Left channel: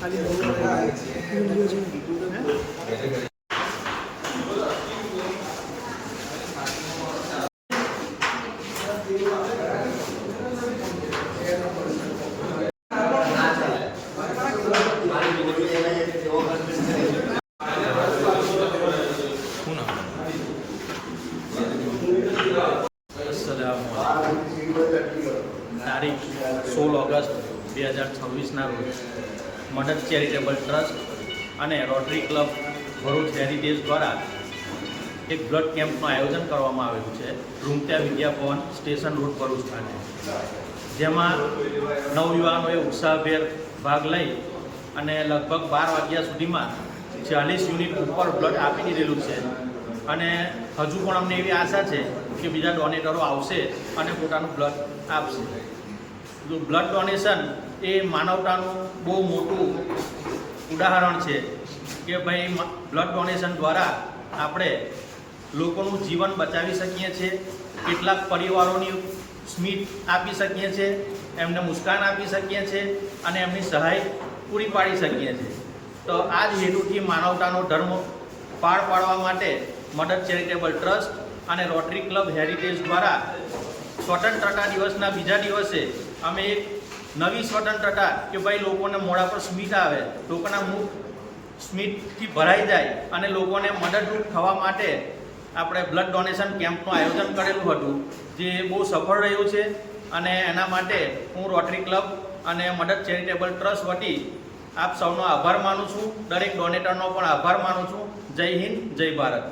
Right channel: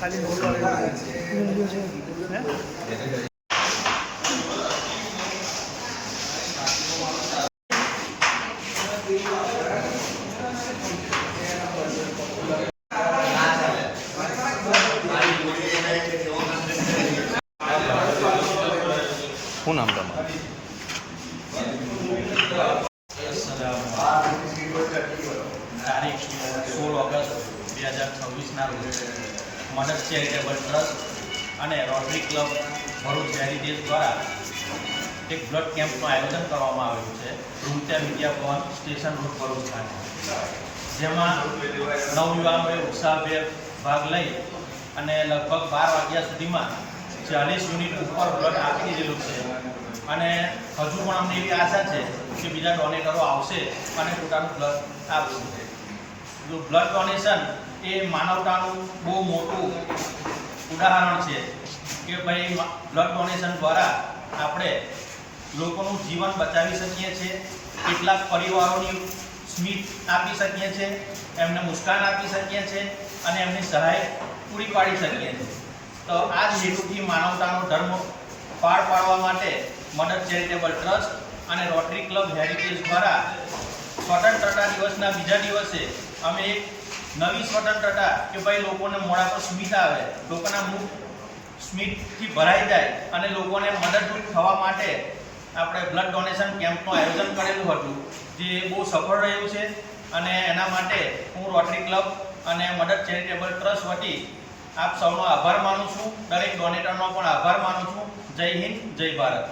खाली वीडियो છે શું નામ તારીખ 16 ઓગસ્ટ 2026ના રોજ મદદ ચેરિટેબલ ટ્રસ્ટ અને રોટરી ક્લબ ભરૂચ હેરિટેજ દ્વારા એક બ્લડ કેમ્પનું આયોજન કરવામાં આવેલું છે રૂમત્યા વિદ્યાભવન સ્ટેશન રોડ ભરૂચ ખાતે, જેમાં નવયુવાનોએ ઉત્સાહભેર ભાગ લઈ અને લગભગ 12 વાગ્યા સુધીમાં 40 યુનિટ ઉપર બ્લડ આપી દીધેલું છે. અને હજુ પણ અમને એવી આશા છે કે બીજા ડોનેટરો આવશે અને પોતાનું બ્લડ આપશે. જો બ્લડ ડોનેશન એ માનવતાનું બહુ મોટું ઉદાહરણ છે કે ભાઈ બ્લડ ડોનેશન દ્વારા આપણે લોકોનું જીવન બચાવી શકીએ છીએ, કેટલાક પરિવારોની સ્મિત આપી શકીએ છીએ, એમને મુસ્કાન આપી શકીએ છીએ અને એમની સહાય પૂરી પાડી શકીએ છીએ. તો આ જ હેતુથી માનવતાનો ધર્મ પાર પાડવા માટે મદદ ચેરિટેબલ ટ્રસ્ટ અને રોટરી ક્લબ હેરિટેજ દ્વારા સ્વતંત્રતા દિવસના બીજા દિવસે અમે એક નવી સ્વતંત્રતા કે ભાઈ લોકોને મોઢા પર સ્મિત આવે, લોકોના મુખ સ્મિતથી ભરાઈ જાય અને લોકોને મદદરૂપ થવા માટે આપણે બ્લડ ડોનેશન કેમ્પનું આયોજન કરેલું હતું, જે બહુ સફળ રહ્યું છે. અને એના માટે હું રોટરી ક્લબ અને મદદ ચેરિટેબલ ટ્રસ્ટ વતી આપ સૌનો આભાર માનું છું, દરેક ડોનેટરનો પણ આભાર માનું છું. જય હિન્દ, જય ભારત.